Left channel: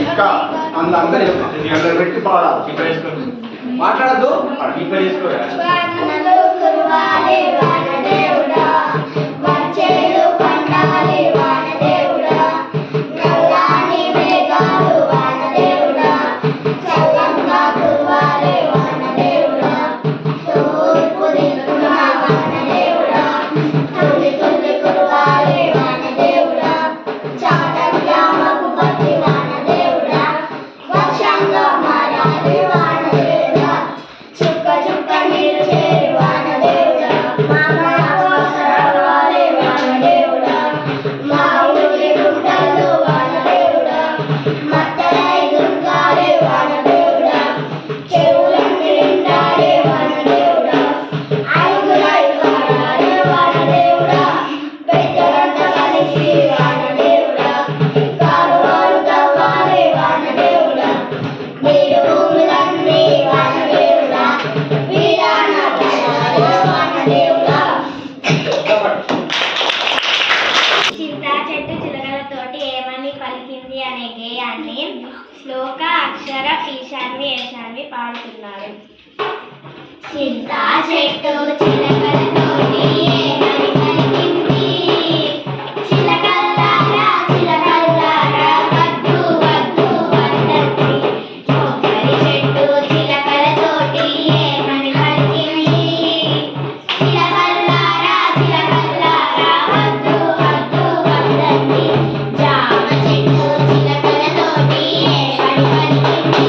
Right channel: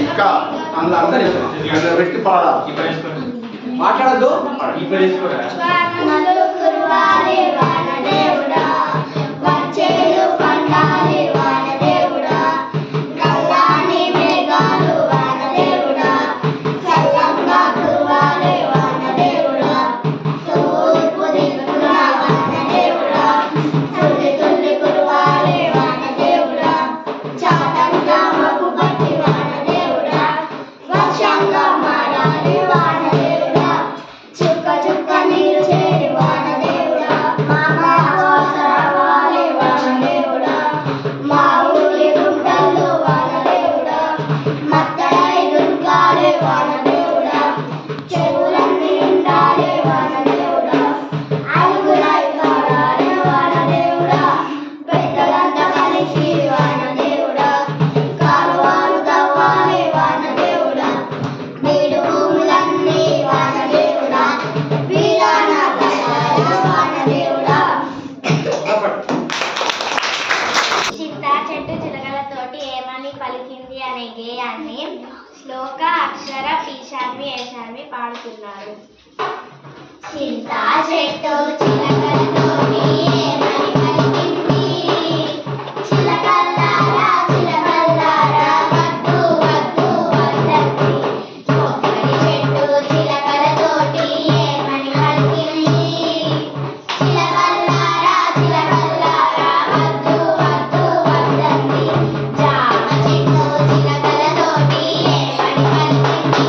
ఇంకా అందులో పెట్టి పాడాలి. మాట్లాడద్దు. శ్లోక అక్షర ఈశాన్వి ఏశాన్వి పాడుతున్నారు. చింతా చెట్టు చిలకలతోటి ఏమని పలికింది, చిలకల్లారా చిలకల్లారా వద్దు వద్దు వద్దండి. కొబ్బరి చెట్టు చిలకలతోటి ఏమని పలికింది, చిలకల్లారా చిలకల్లారా వద్దు వద్దు వద్దండి. జామ చెట్టు చిలకలతోటి ఏమని పలికింది,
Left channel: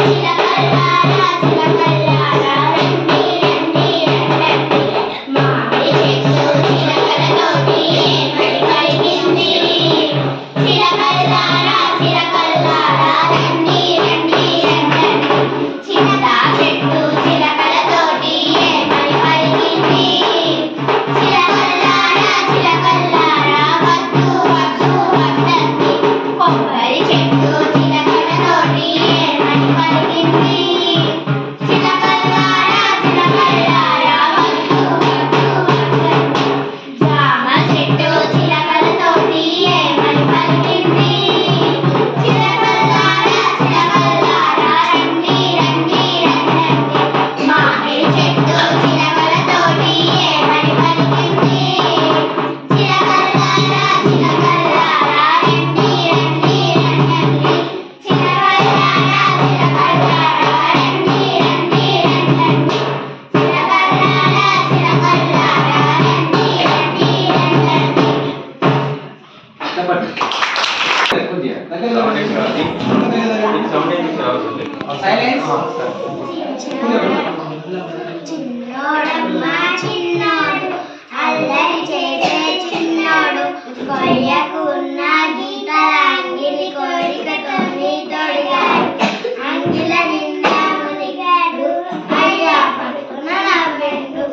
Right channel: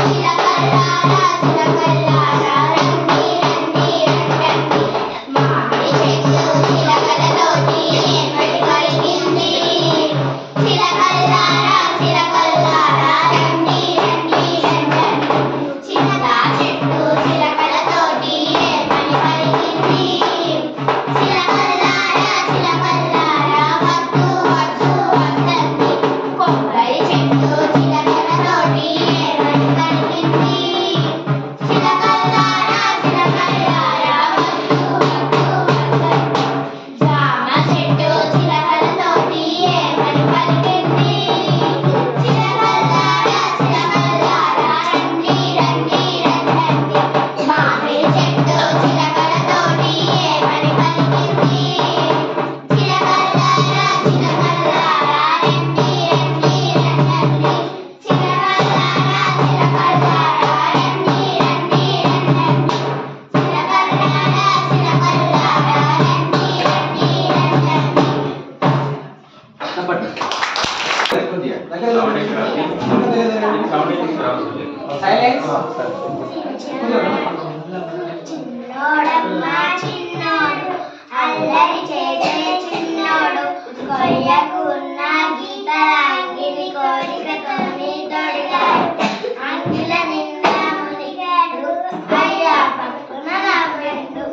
చిలకల్లారా చిలకల్లారా రండి రండి రండి. మామిడి చెట్టు చిలకలతోటి ఏమని పలికింది, చిలకల్లారా చిలకల్లారా రండి రండి రండి. చింత చెట్టు చిలకలతోటి ఏమని పలికింది, చిలకల్లారా చిలకల్లారా వద్దు వద్దు వద్దండి. కొబ్బరి చెట్టు చిలకలతోటి ఏమని పలికింది, చిలకల్లారా చిలకల్లారా వద్దు వద్దు వద్దండి. జామ చెట్టు చిలకలతోటి ఏమని పలికింది, చిలకల్లారా చిలకల్లారా రండి రండి రండి. మామిడి చెట్టు చిలకలతోటి ఏమని పలికింది, చిలకల్లారా చిలకల్లారా రండి రండి రండి. చిలకల్లారా చిలకల్లారా రండి రండి రండి. చిలకల్లారా చిలకల్లారా రండి రండి చిన్నోడమ్మ చిన్నోడు అల్లరి చేసే చిన్నోడు, కొయ్యకున్న గీతల అంగిలి కోరికతో తొడిగాడు. అంగిల నిండా మునిగాడు, అయ్యా పట్టున నవ్వెండు.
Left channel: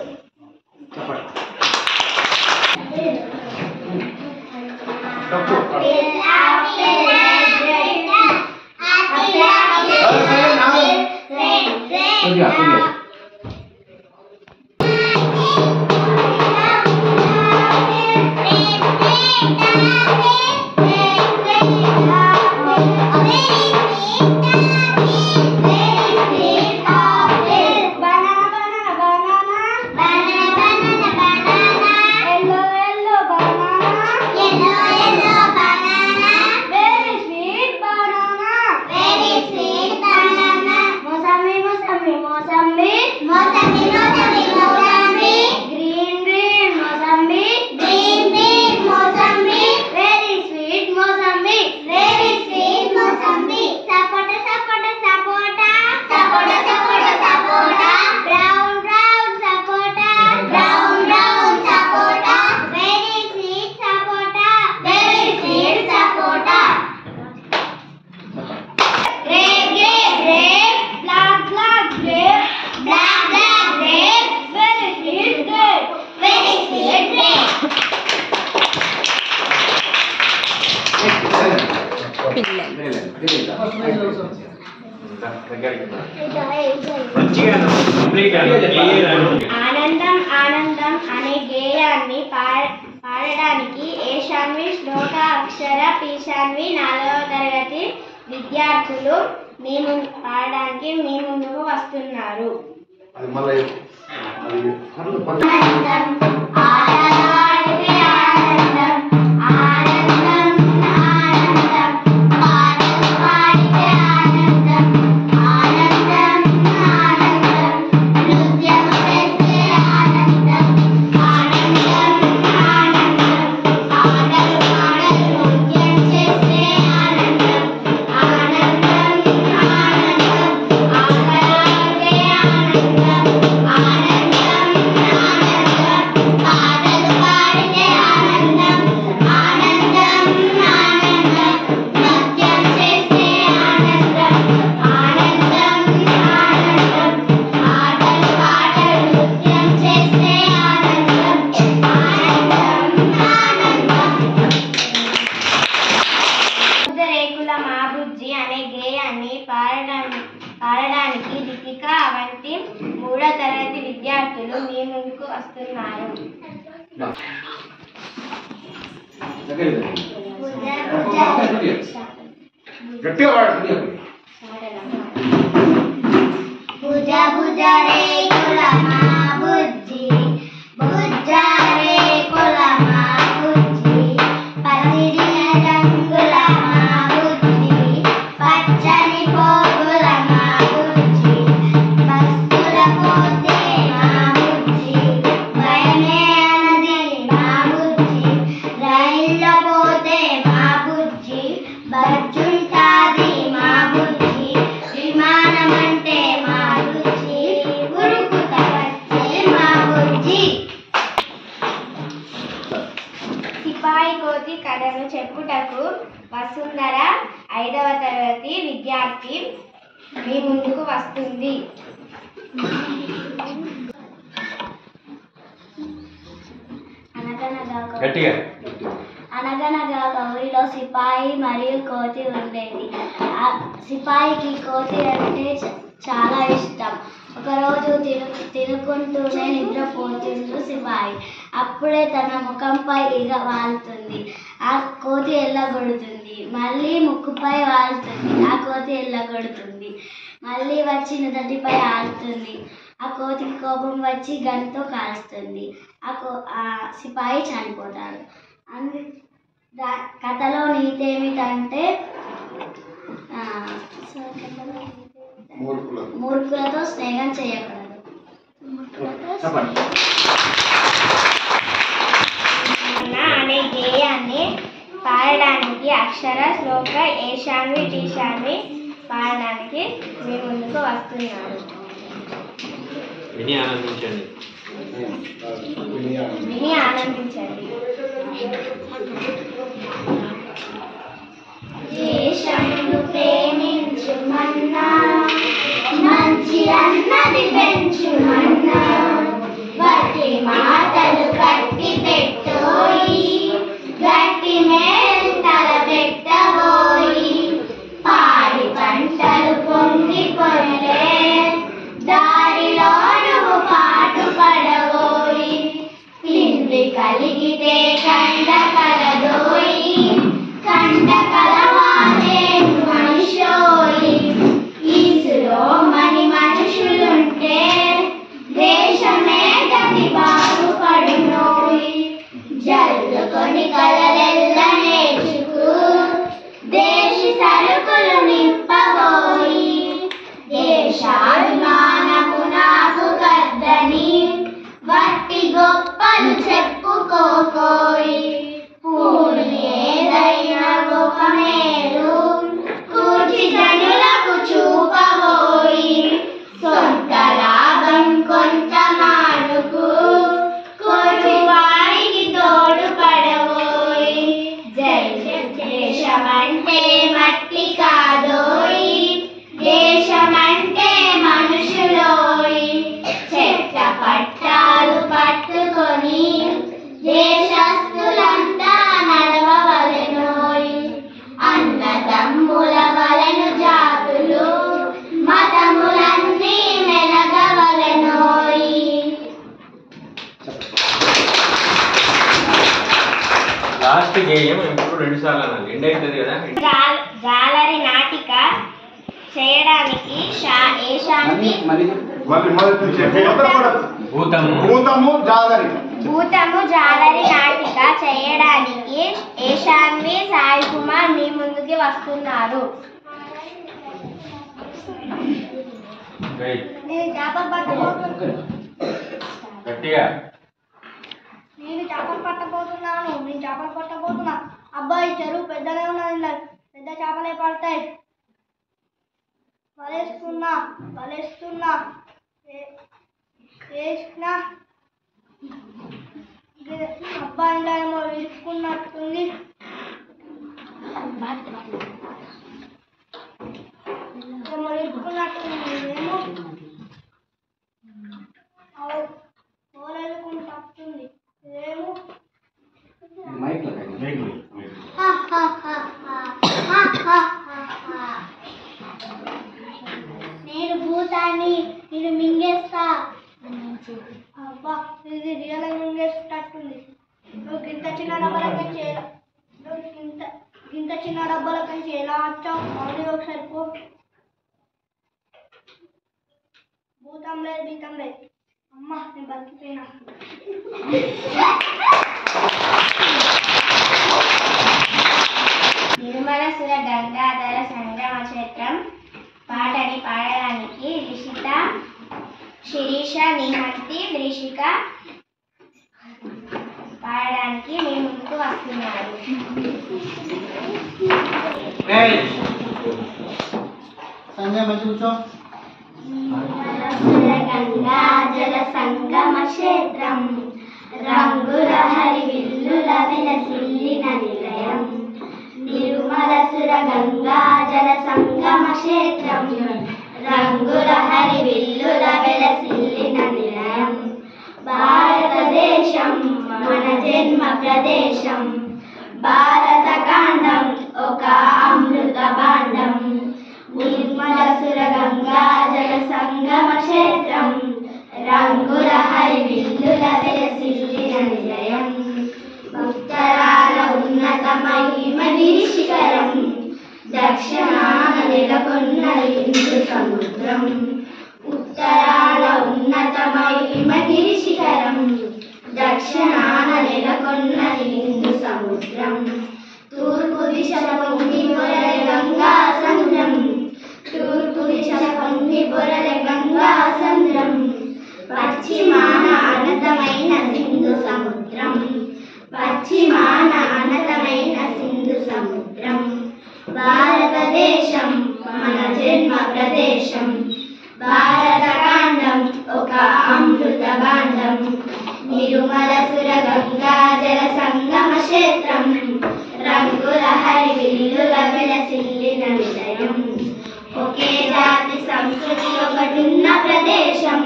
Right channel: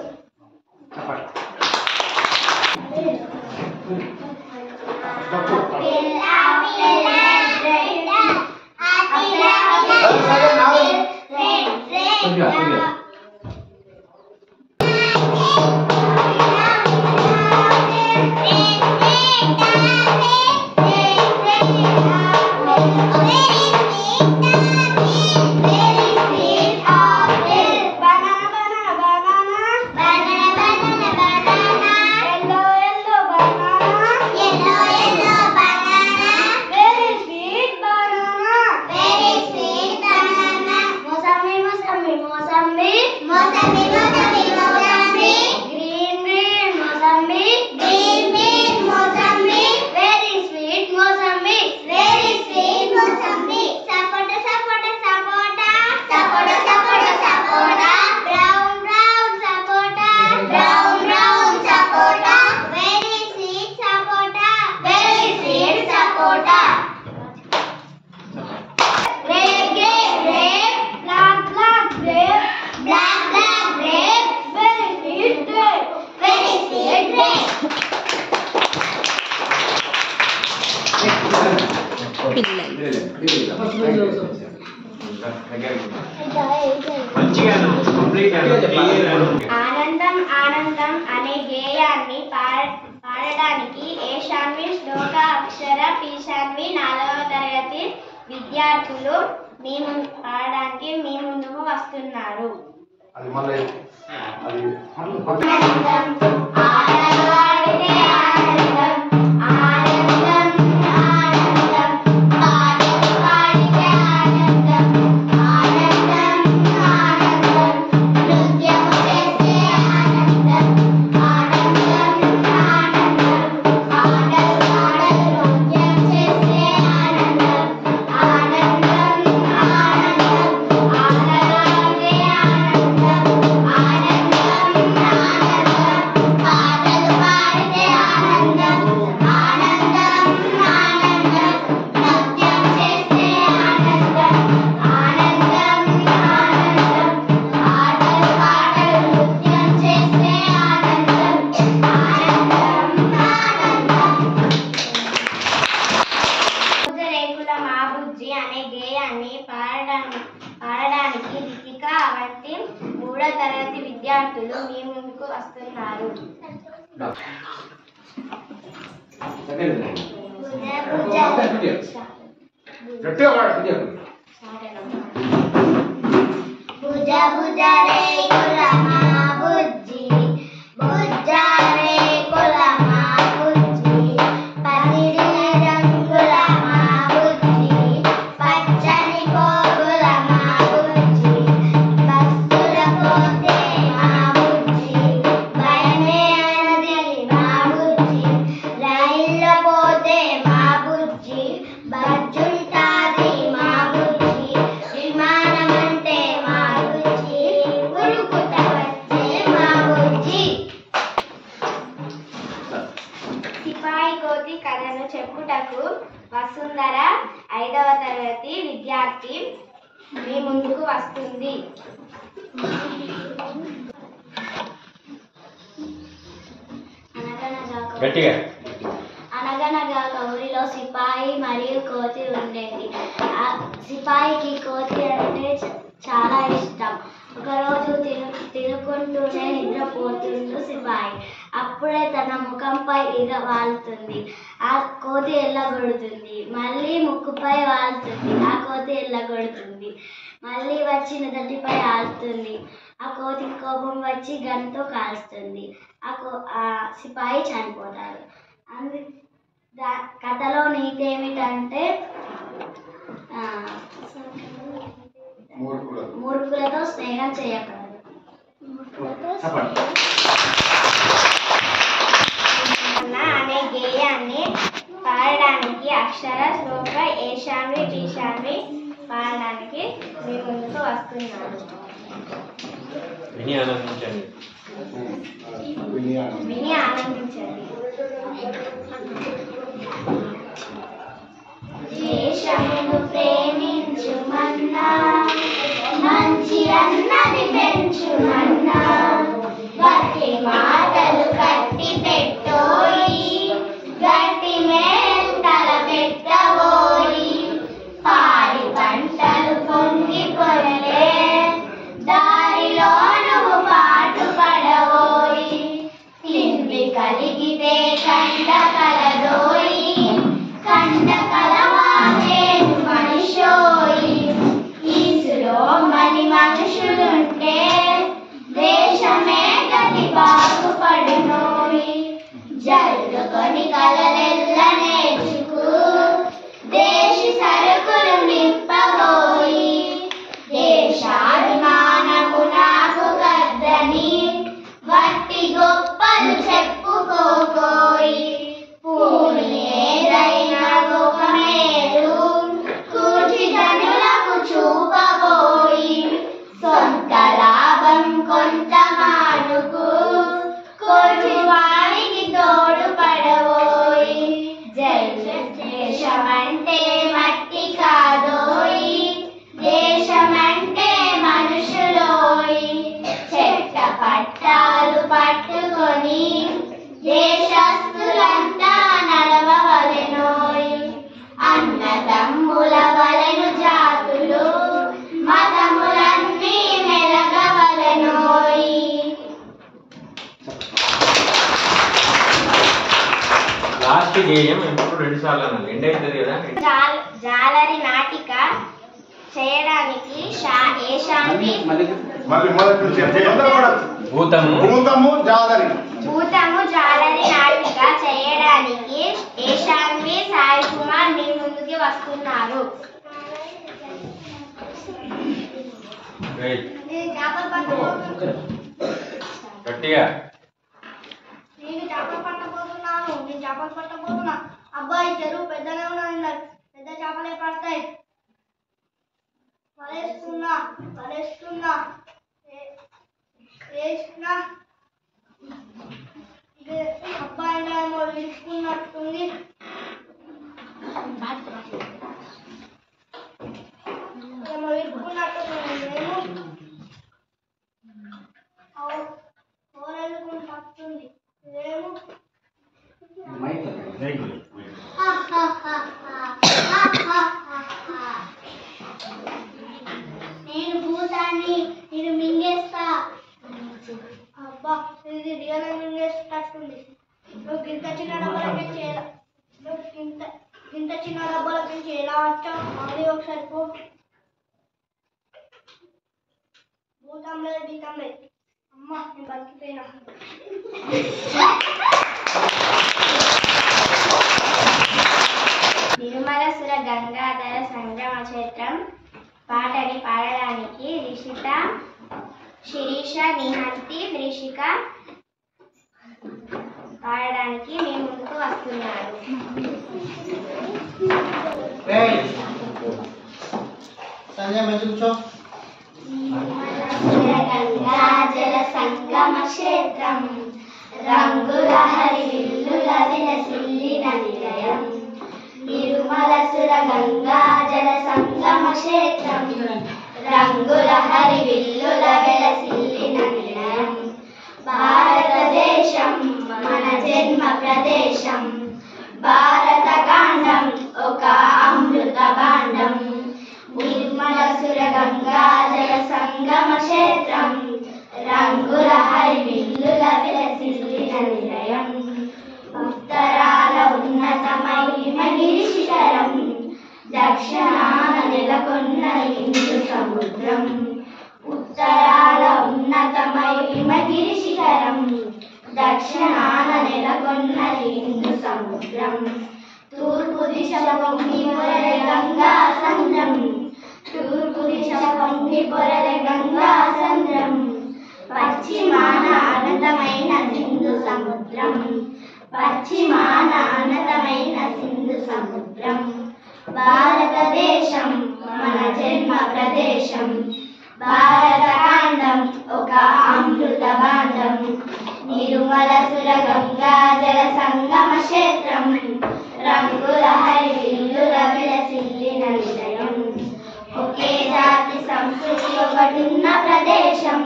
ఆనందం ఆనందం అనే గేయాన్ని పాడడానికి ఏషాన్వి శ్లోక అక్షర అక్షర పీశాన్వి 4వ తరగతి విద్యార్థులు పాడడానికి మీ ముందుకు వస్తున్నారు. అనే గేయాన్ని పాడడానికి దీపిక వంటి 3వ తరగతి విద్యార్థులు మీ ముందుకు వస్తున్నారు. భుజ భుజ రే కులమా బుజ్జి భుజ రే కులమా బుజ్జి పసిరి రంగుల మా బుజ్జి పచ్చని పోగుల మా బుజ్జి బస్సుల పోతే మా బుజ్జి భయమే అన్నది మా బుజ్జి రైల్లో పోతే మా బుజ్జి బజ్జుంటాది మా బుజ్జి విమానమంటే మా బుజ్జి ఉరుకుత వచ్చే మా బుజ్జి. సిపాయి కోతి కథను చెప్పుటకు వసుంధర 5వ తరగతి విద్యార్థి మీ ముందుకు వస్తుంది. అనగనగా ఒక ఊరిలో సిపాయి మరియు కోతి ఉండేది. సిపాయికి కోతి అంటే చాలా ఇష్టం. ఒకరోజు తినుకుంటూనే నిద్రపోతుంది సిపాయి. అప్పుడే తన ముఖంపై ఈగ వాలుతుంది. ఆ కోతి ఎల్లగొడుతుంది. మళ్ళీ ముక్కుపై వాలుతుంది. ఆ కోతి ఎల్లగొడుతుంది. మళ్ళీ వచ్చి నుదటిపై ఆడుతుంది. ఆ కోతికి కోపం వచ్చి గన్తో కాల్స్తుంది. ఆ సిపాయి చనిపోతాడు. కథలో నీతి ఏమిటంటే మూర్ఖులతో స్నేహం చేయకూడదు. అనే గేయాన్ని పాడడానికి అక్షర శ్లోక ఏషాన్వి టీషాన్వి పాడడానికి మీ ముందుకు వస్తున్నారు. విని ఆనందించండి. దేశమును ప్రేమించుమన్నా మంచి అన్నది పెంచుమన్నా గట్టి మాటలు కట్టి పెట్టోయి గట్టి మేంటల పెట్టబోయి పాడి పంటలు పొంగి పొరలే దారిలో నువ్వు పాటు పడబోయి పిండి కలిగితే కండ కలదోయి కండ కలవాలేను మనిషోయి ఈసులో మని మనుషులుంటే దేశమే గతి బాగుపడునోయి జల్లుకొని కలలెల్ల నేర్చుకు దేశి సరుకులు నింపబోయి దేశాభిమానపు నాకు గద్దని వట్టి గొప్పలు చెప్పుకోకోయి పూని ఏదైనా గోకమేలు కూర్చి జనులకు చూపబోయి సొంత లాభం కొంత మానుకు కోటి వారికి తోడు పడబోయి దేశమంటే మట్టి కాదోయి దేశమంటే మనుషులోయి చెట్ల పట్టాలు పట్టుకొని దేశస్తులంతా నడవవలెనోయి అన్నదమ్ముల వలెను జాతులు మతములన్నీ మెలగవలెనోయి. లాస్ట్ లాస్ట్ గేయం ఎప్పుడు 2 సార్లు అనాలి. ఎండ్ అవుతుంది కదా. జాలరి నాటిక చేయడానికి భూతము జాలరి నాటిక చేయడానికి ఏషాన్వి సాయి కుమార్ మీ ముందుకి వస్తున్నారు. గట్టిగా నేను చేపలు పట్టబోతున్నా. అబ్బాయి చెరువు పెద్దగా ఉన్నది, పెద్ద చేపలే పడతాయి. వలేస్తున్నా అబ్బాయిలో ఏమో విడుచుకున్నట్టుంది. మేము ఓరెళ్ళుకుంటుంది. ఇదేమో నేను భూతాన్ని నేను మింగేస్తా. అబ్బా ఇది రియల్ మింగేసేటట్టుంది. నువ్వు ఇంత చిన్న డబ్బులకి ఎలా వచ్చావు? అది ఒకసారి పో. భూతం లేదు బీతం లేదు. అమ్మా నేను బతికిపోయినా. నిర్మలసుర గంగాధర సంగమ క్షేత్రం పాటని పాడడానికి రిషిత, శిరీష, నిహంతి, రిషిక పాడడానికి మీ ముందుకు వస్తున్నారు. గంగాజల సంగమ క్షేత్రం రంగుల హరి విల్లుల విలసిల్లిన నిలయం. నిర్మలసుర గంగాజల సంగమ క్షేత్రం రంగుల హరి విల్లుల విలసిల్లిన నిలయం. భారతదేశం మన జన్మ ప్రదేశం. భారత కాండం ఒక అమృత భాండం. నిర్మలసుర గంగాజల సంగమ క్షేత్రం రంగుల హరి విల్లుల విలసిల్లిన నిలయం. ఉత్తరాల ఉన్నత మహిమగిరి శిఖరం, దక్షిణాన నెలకొన్న హిందూ సముద్రం. ఉత్తరాల ఉన్నత మహిమగిరి శిఖరం, దక్షిణాన నెలకొన్న హిందూ సముద్రం. తూర్పు దిశ పొంగి పొరలే గంగా సంద్రం. తూర్పు దిశ పొంగి పొరలే గంగా సంద్రం. పశ్చిమాన అనంతమైన సింధు సముద్రం. పశ్చిమాన అనంతమైన సింధు సముద్రం. భారతదేశం మన జన్మ ప్రదేశం. భారత కాండం ఒక అమృత భాండం. నిర్మలసుర గంగాజల సంగమ క్షేత్రం రంగుల హరి విల్లుల విలసిల్లిన నిలయం. ఒకే జాతి సంస్కృతి ఒకటున్న ప్రదేశం.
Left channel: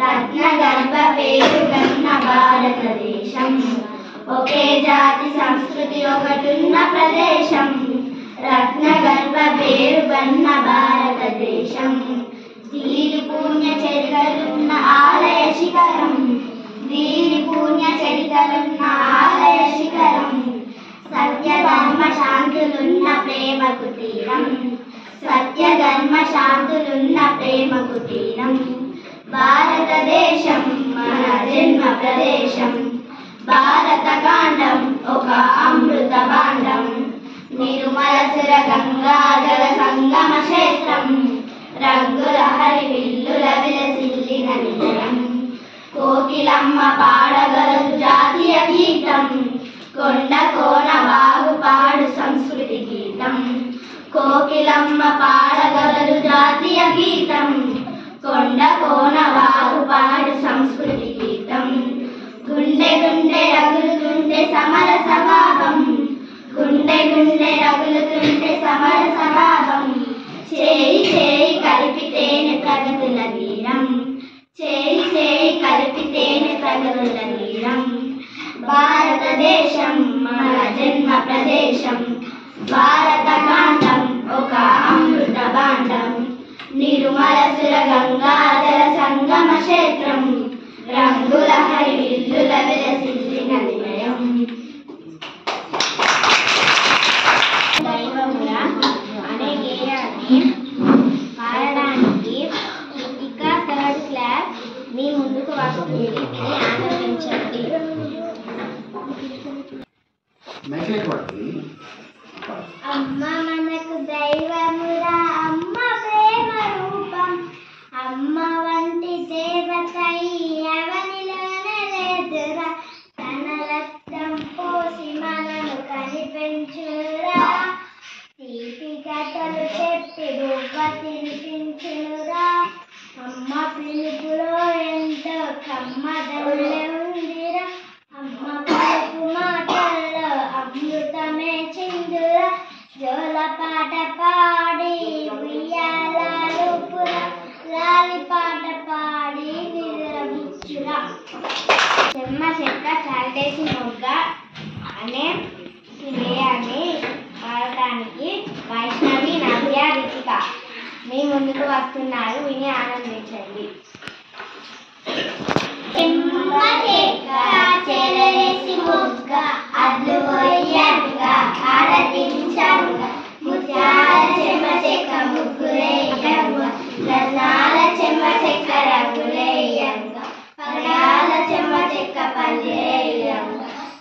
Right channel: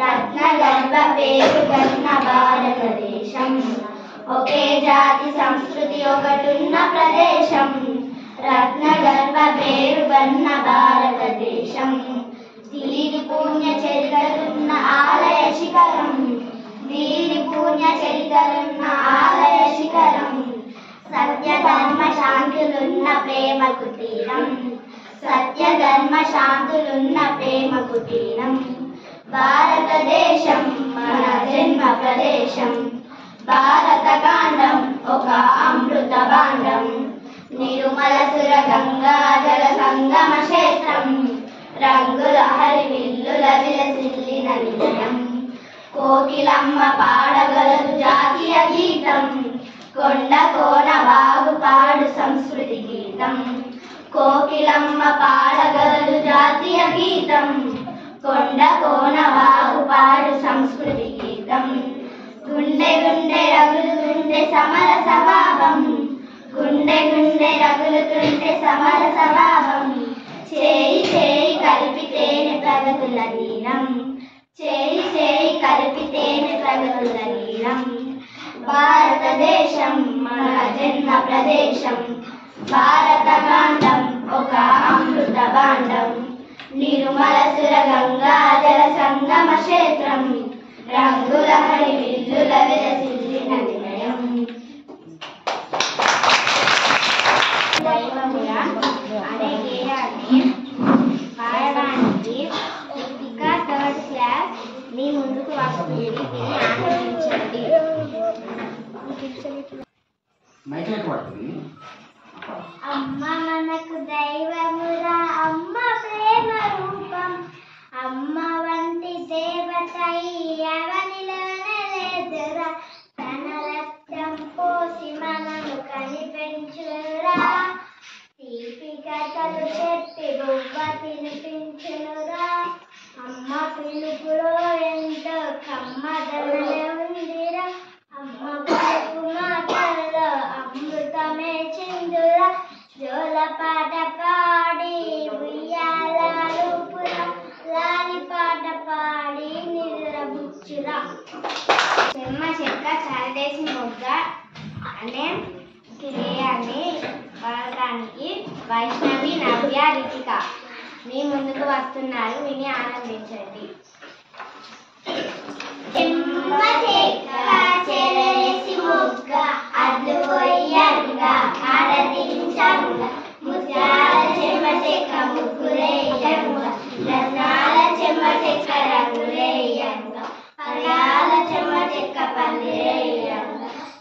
రత్న గర్భ పేరుగన్న భారతదేశం. ఒకే జాతి సంస్కృతి ఒకటున్న ప్రదేశం. రత్న గర్భ పేరుగన్న భారతదేశం. దీని పుణ్య చరితలున్న ఆలయ శిఖరం. దీని పుణ్య చరితలున్న ఆలయ శిఖరం. సత్య ధర్మ శాంతులున్న ప్రేమ కుటీరం. సత్య ధర్మ శాంతులున్న ప్రేమ కుటీరం. భారతదేశం మన జన్మ ప్రదేశం. భారత కాండం ఒక అమృత భాండం. నిర్మలసుర గంగాజల సంగమ క్షేత్రం రంగుల హరి విల్లుల విలసిల్లిన నిలయం. కోకిలమ్మ పాడగలదు జాతీయ గీతం. కొండ కోన వాగు పాడు సంస్కృతి గీతం. కోకిలమ్మ పాడగలదు జాతీయ గీతం. కొండ కోన వాగు పాడు సంస్కృతి గీతం. గుండె గుండె రగులుతుంటే సమర స్వభావం. గుండె గుండె రగులుతుంటే సమర స్వభావం. చేయి చేయి కలిపితేనే ప్రగతుల తీరం. చేయి చేయి కలిపితేనే ప్రగతుల తీరం. భారతదేశం మన జన్మ ప్రదేశం. భారత కాండం ఒక అమృత భాండం. నిర్మలసుర గంగాజల సంగమ క్షేత్రం రంగుల హరి విల్లుల విలసిల్లిన నిలయం. ఇది విని ఆనందించండి. అమ్మ మనకు దైవమురా, అమ్మ ప్రేమ రూపం, అమ్మ వంటి దేవత ఎవనిలోనలేదురా, తన రక్తం పోసి మనను కనిపించురా, తీపి కథలు చెప్పి బువ్వ తినిపించురా, అమ్మ పిలుపులో ఎంతో కమ్మదల్లె ఉందిరా, అమ్మ పలుకు మాటల్లో అమృతమే చిందురా, జోల పాట పాడి ఉయ్యాలూపురా, లాలి పాట పాడి నిద్రపుచ్చురా. చెమ్మ చెక్క చాటేసి మొగ్గ అనే గేయాన్ని పాడటానికి వైష్ణవి, నవ్య, రితిక మీ ముందుకు వస్తున్నారు. విని ఆనందించండి. చెమ్మ చెక్క చెరవేసి మొగ్గ అడ్లు పోయంగా ఆరతించంగా, ముత్యాల చెమ్మ చెక్క ముగ్గులేయంగా, రత్నాల చెమ్మ చెక్క రంగులేయంగా, పర్యాల చెమ్మ చెక్క పల్లెయంగా,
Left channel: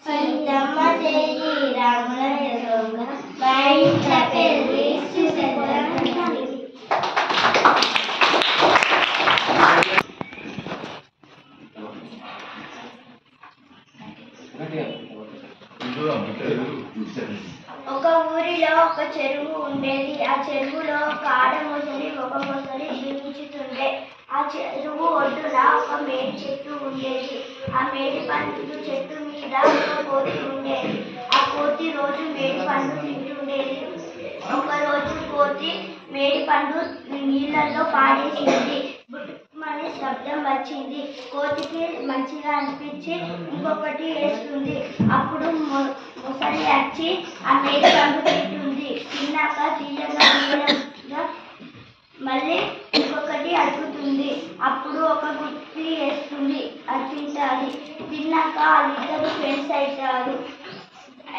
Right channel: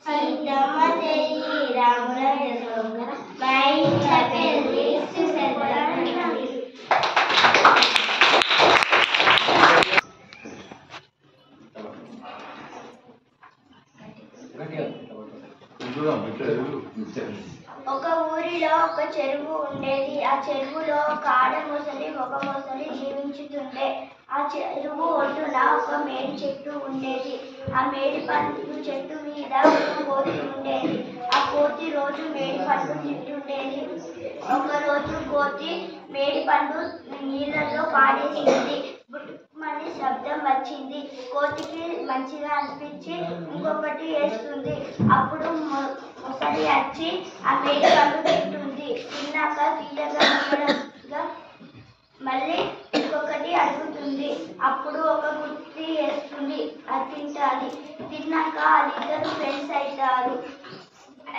సీతమ్మ చెయ్యి రాముల దొంగ బయట పెళ్ళి చూసేద్దాం. ఒక ఊరిలో ఒక చెరువు ఉండేది. ఆ చెరువులో ఒక ఆడ మొసలి ఒక మొసలి జీవించుతుండే. ఆ చెరువు ఒడ్డున ఒక మేడి చెట్టు ఉండేది. ఆ మేడి పండు చెట్టు మీద ఒక కోతి ఉండేది. ఆ కోతి రోజు మేడి పండు తింటుండేది. ఒక రోజు కోతి మేడి పండు నీళ్ళల్లో పాడేసింది. బుట్టుమని శబ్దం వచ్చింది. కోతికి మంచిగా అనిపించి ఇంకొకటి వేస్తుంది. అప్పుడు మొసలి వచ్చి ఆ మేడి పండు తింటుంది. తిన్నాక తీయగా మళ్ళీ ఇంకొకటి అడుగుతుంది. అప్పుడు ఒక గుత్తి వేస్తుంది. అది తింటుంది. తిన్నాక వాళ్ళిద్దరు ఫ్రెండ్స్ అవుతారు.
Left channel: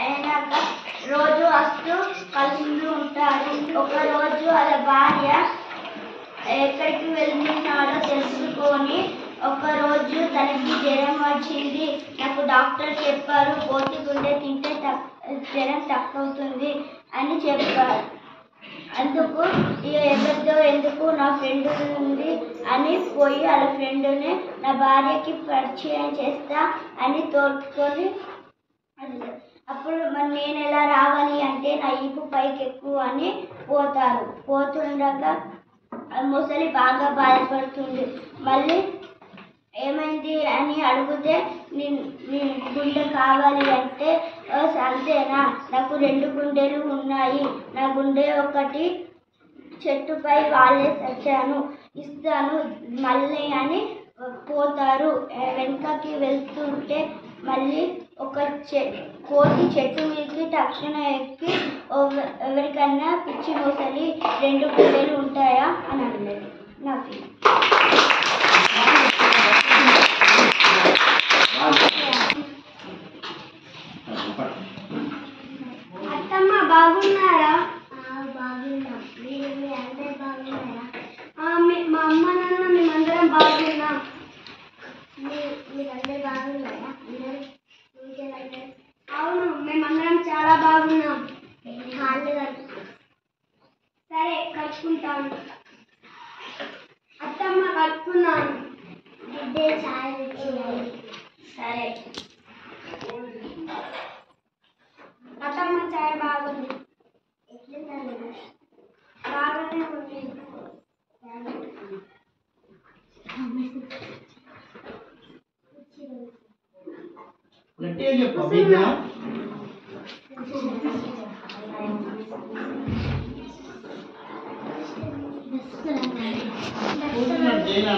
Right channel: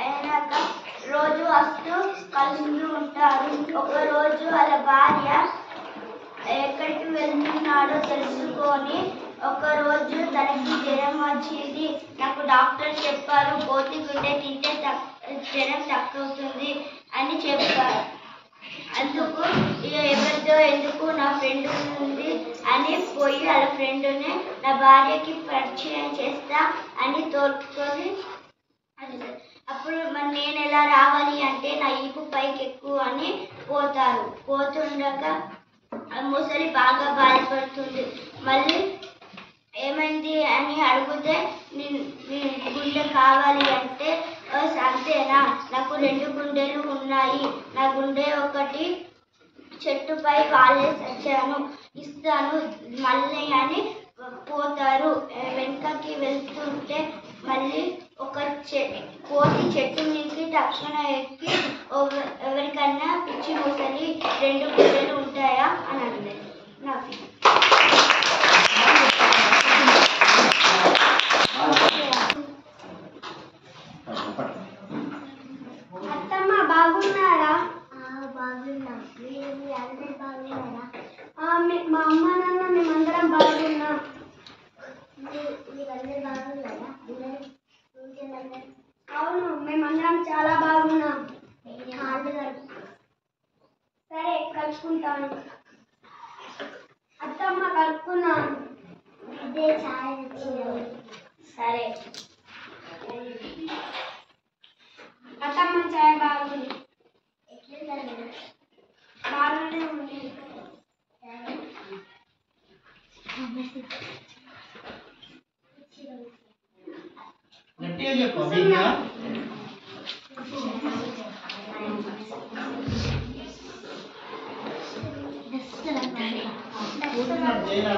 అయినాక రోజు వస్తూ కలిసి ఉంటారు. ఒకరోజు వాళ్ళ భార్య ఎక్కడికి వెళ్తున్నాడో తెలుసుకొని ఒకరోజు తనకి జ్వరం వచ్చింది. నాకు డాక్టర్ చెప్పారు కోతి గుండె తింటే జ్వరం తక్కువవుతుంది అని చెప్పారు. అందుకు ఎవరితో ఎందుకు నా ఫ్రెండ్ ఉంది అని పోయి వాళ్ళ ఫ్రెండ్ని నా భార్యకి పరిచయం చేస్తా అని తోడుకొని అప్పుడు మరి నేను ఎలా రావాలి అంటే నా ఈపు పైకి ఎక్కువ అని పోతారు. పోతుండగా ముసలి బాగా బాధపడుతుంది. మళ్ళీ ఏమైంది అని అడిగితే గుండె కావాలి అంటే అంతేనా, నాకు 2 గుండెలు ఉన్నాయి, నా గుండె ఒకటి చెట్టుపై వాలేసి వచ్చాను, ఇస్తాను మళ్ళీ అని పోతారు. వెనకకి వెళ్తుంటే మళ్ళీ ఒక కోతి చెట్టు మీదకి తక్షణ ఎక్కి ఎవరికన్నా పిచ్చి మొసలి 2 గుండెలు ఉంటాయా అని అనలేదు. నాకు అత్తమ్మ బాగున్నారా? బాగున్నాం. మీరు అందరూ బాగున్నారా? మా అమ్మ నాన్న మేమందరం బాగున్నాం. మీరందరూ బాగున్నారా? అవును, మేమందరం చాలా బాగున్నాం. సరే కలుసుకుంటాను. అత్తమ్మ కలుపుకున్నాను. ఇదే చాలా రుచి. సరే అత్తమ్మ చాయ్ బాగుంది. బాగానే ఉంది. గట్టిగా చెప్పు బిడ్డ. చేయనా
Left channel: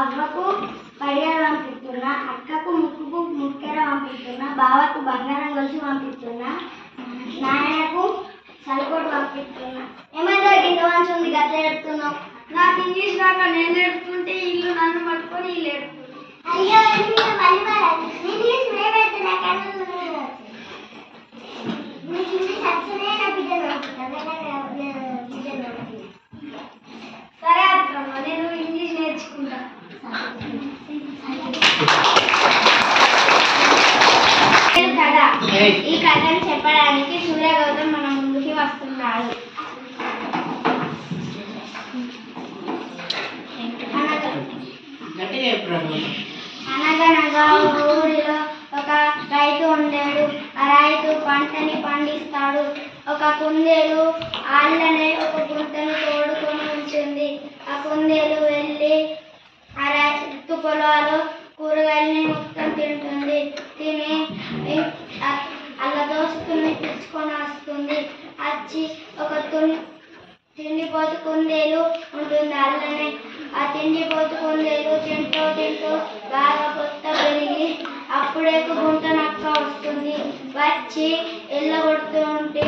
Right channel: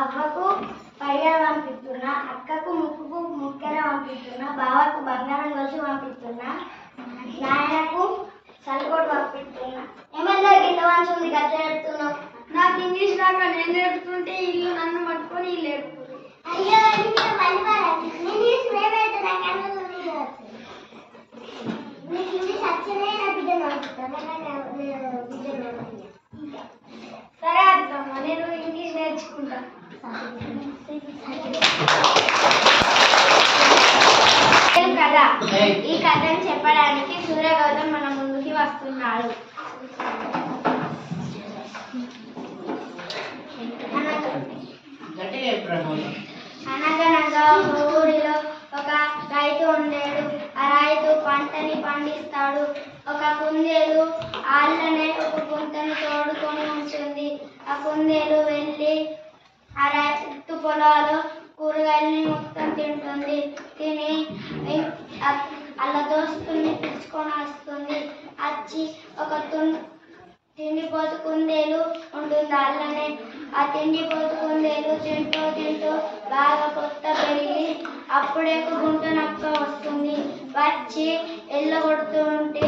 అవ్వకు కడియాలు పంపిస్తున్నా, అక్కకు ముక్కుకు ముక్కెర పంపిస్తున్నా, బావకు బంగారం గొలుసు పంపిస్తున్నా, నాయనకు సరికోటు పంపిస్తున్నా. ఏమైందా గింత మంచి ఉంది గట్ల ఏడుతున్నావు? నాకు ఇంగ్లీష్ రాక నేను ఏడుతుంటే ఇల్లు నన్ను పట్టుకొని వీళ్ళు ఏడుతుంది. అయ్యో ఇంగ్లీష్ సరే అర్థమ్మా, నేను ఇంగ్లీష్ నేర్చుకుంటా. కదా ఈ కథను చెప్పడానికి సూర్య గౌతమ్ మన ముందుకి వస్తున్నాడు. అనగనగా ఊరిలో ఒక రైతు ఉండేడు. ఆ రైతు పంటని పండిస్తాడు. ఒక కుందేలు ఆళ్ళనే ఒక గుంటను తోడుకొని ఉంటుంది. ఆ కుందేలు వెళ్ళి ఆ రైతు పొలాలు కూరగాయలని మొత్తం తింటుంది. తిని అలా దోసుకుని తెచ్చుకొని వస్తుంది. వచ్చి ఒక తిండిపోతు కుందేలు ఉంటుంది అల్లనే. ఆ తిండిపోతు కుందేలు తింటూ తింటూ బాగా కొత్త పెరిగి అప్పుడే ఒక గుంట నక్క వస్తుంది. వచ్చి ఎల్లగొడుతూ ఉంటే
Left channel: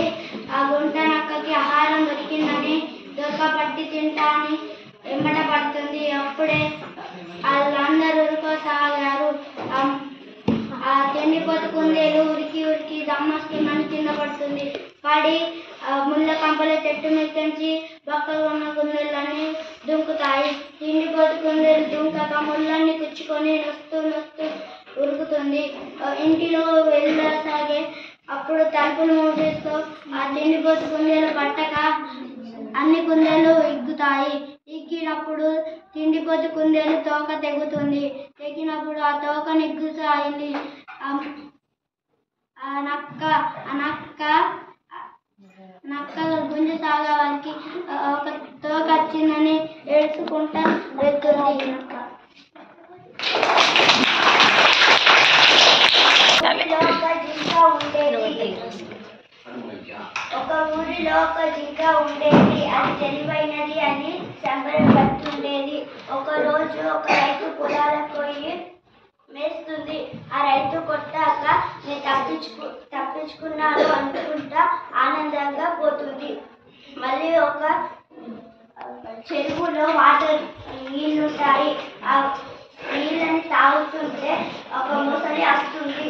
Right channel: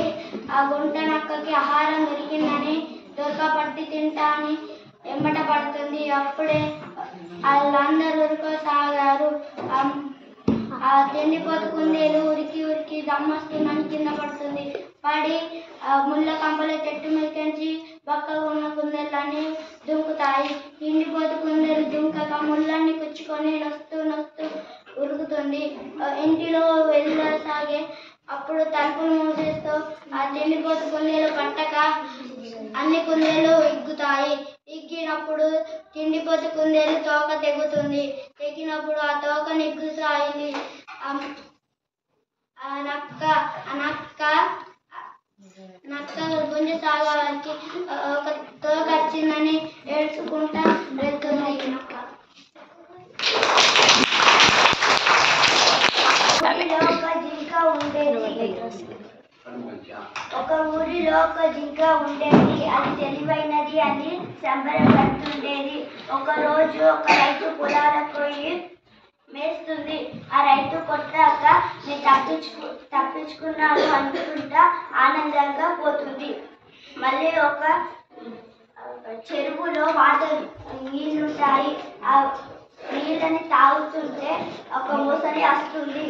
ఆ గుంట నక్కకి ఆహారం దొరికిందని దొరకపట్టి తింటా అని ఎమ్మట పడుతుంది. అప్పుడే వాళ్ళందరూ ఉరుకోసాగారు. ఆ తిండిపోతు కుందేలు ఉరికి ఉరికి దమ్మస్తుందని కింద పడుతుంది. పడి ముళ్ళ కంపల చెట్టు మీదకి బక్కగా ఉన్న కుందేళ్ళని దుంకుతాయి. తిండిపోతు కుందేలు దుంకక ముళ్ళన్ని కుచ్చుకొని నొస్తూ నొస్తూ ఉరుకుతుంది. ఇంటిలో వెళ్ళసాగే అప్పుడు తలుపులు మూసేస్తూ ఆ తిండిపోతు కుందేలు పట్టక అన్ని కుందేలు ఎగ్గుతాయి. ఎగ్గినప్పుడు తిండిపోతు కుందేలు తోక తెగుతుంది. తెగినప్పుడు ఆ తోక నెగ్గుతాయి. నక్క గుంజ సాగడానికి ఒక తోక వచ్చిందని ఏడ్చుకుంటా వెళ్తుంది. ఒక ఊరిలో ఒక జింక ఉండేది. అది తెలివైనది అని సంబరపడుతుండేది. ఒక రోజు ఒక రైతు పొలాలకు పోయి మేస్తుంది. ఆ రైతు కొట్టాక నేను తప్పించుకున్నాను అనుకుంటా ఆనందంగా పోతుంది. మళ్ళీ ఒక చెరువులో వాటర్ నీళ్ళుంటాయి. ఆ నీళ్ళని తాగుతుంటే ఒక మొసలి వస్తుంది.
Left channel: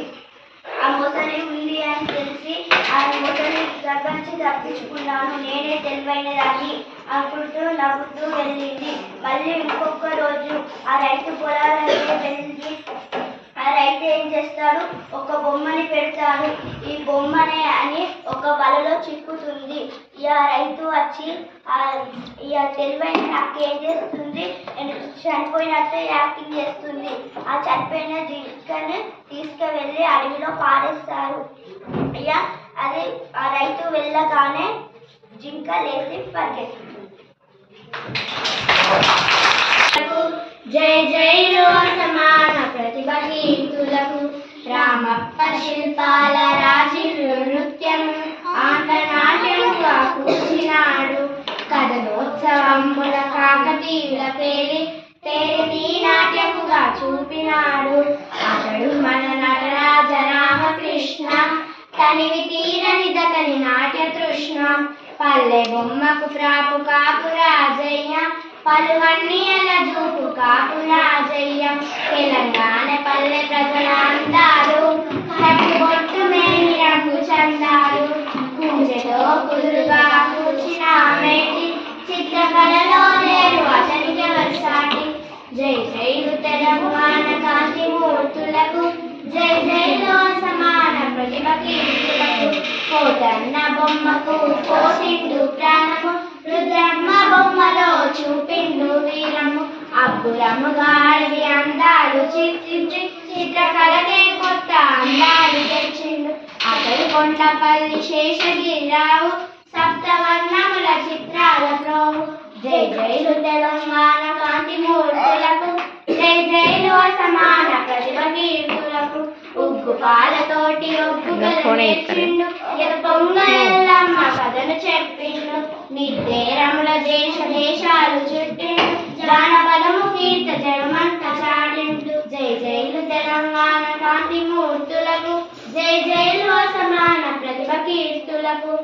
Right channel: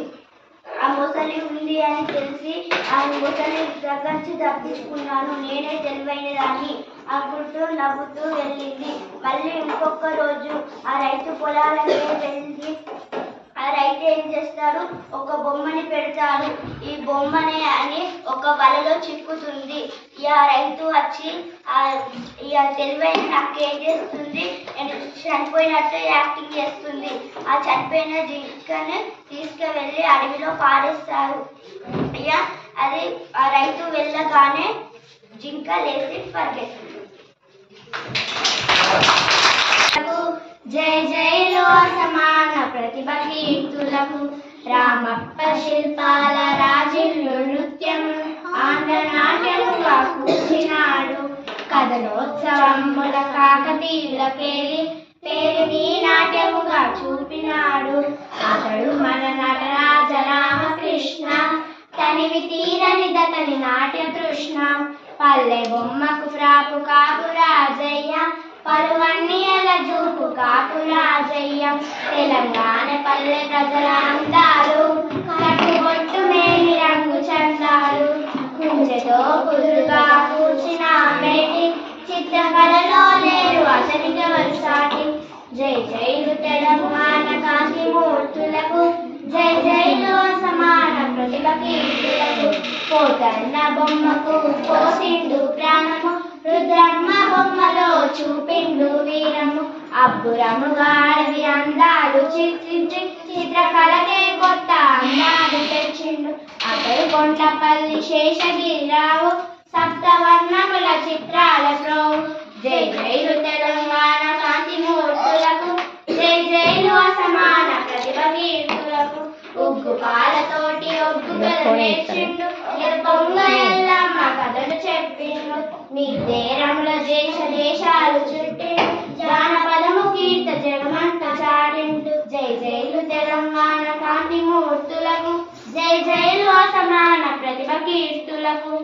ఆ మొసలి ఉంది అని తెలిసి ఆ మొసలి దగ్గర నుంచి తప్పించుకున్నాను, నేనే తెలివైనదాన్ని అనుకుంటూ నవ్వుతూ వెళ్ళింది. మళ్ళీ ఇంకొక రోజు ఆ రైతు పొలాలకే వెళ్ళి ఆ రైతు ఏం చేస్తాడు, ఒక బొమ్మని పెడతాడు. ఈ బొమ్మనే అని ఒక వలలో చిక్కుతుంది. ఇక రైతు వచ్చి ఇక తెలివైన నాకు ఏం చేస్తుంది, చనిపోయినట్టు యాక్టింగ్ చేస్తుంది. ఆ చనిపోయిన జింకను తీసుకువెళ్ళి అడవిలో పారేస్తారు. ఇక అది ఆ రైతు వెళ్ళగానే జింక లేచి పరిగెత్తుంది. జై జైలో సమాన ప్రతిభ కీర్తులకు రామప్ప శిల్పాల రాజిల్లు నృత్యం ఆంధ్రనాట్యముగా కూర్చినాడు. కథలోత్సవముల కాకతీయులకేలి పేరిని నాట్యముగా చూపినాడు. అతడు మన నటరాజ రామకృష్ణ, తనివి తీరని దతని నాట్య తృష్ణ. పల్లె బొమ్మకు ప్రాపు కాపు రాజయ్య, పలువన్నీల జూపు కాపు రాజయ్య. తెలంగాణ పల్లె ప్రజల అందాలు, కట్టుబొట్టు మేని రంగు చందాలు. పూజతో కుదురుగా కూర్చిన మేటి, చిత్రకళలో లేరు అతనికి వరసాటి. జై జైలు తెలంగాణ కాంతి మూర్తులకు, జై జైలు సమాన ప్రతిభ కీర్తులకు. కోటన్న బొమ్మకు పోసిండు ప్రాణము, రుద్రమ్మ బొమ్మలో చూపిండు వీరము. అబ్బురముగా అడవి అందాలు చిత్రించి చిత్రకళకే కొత్త అందాలు తెచ్చిండు. అతడు కొండపల్లి శేషగిరిరావు, సప్తవర్ణముల చిత్రాల ప్రోవు. జై జైలు తెలంగాణ కాంతి మూర్తులకు, జై జైలు అసమాన నేర్చిండు ఎత్తొంగ ఎల్లమ్మ కథను చెప్పిండు నిర్దేరముల దేశాలు చుట్టిండు జానపదము కీర్త జనమంత చాటిండు జై జైలు తెలంగాణ కాంతి మూర్తులకు జై జైలు అసమాన ప్రతిభ కీర్తులకు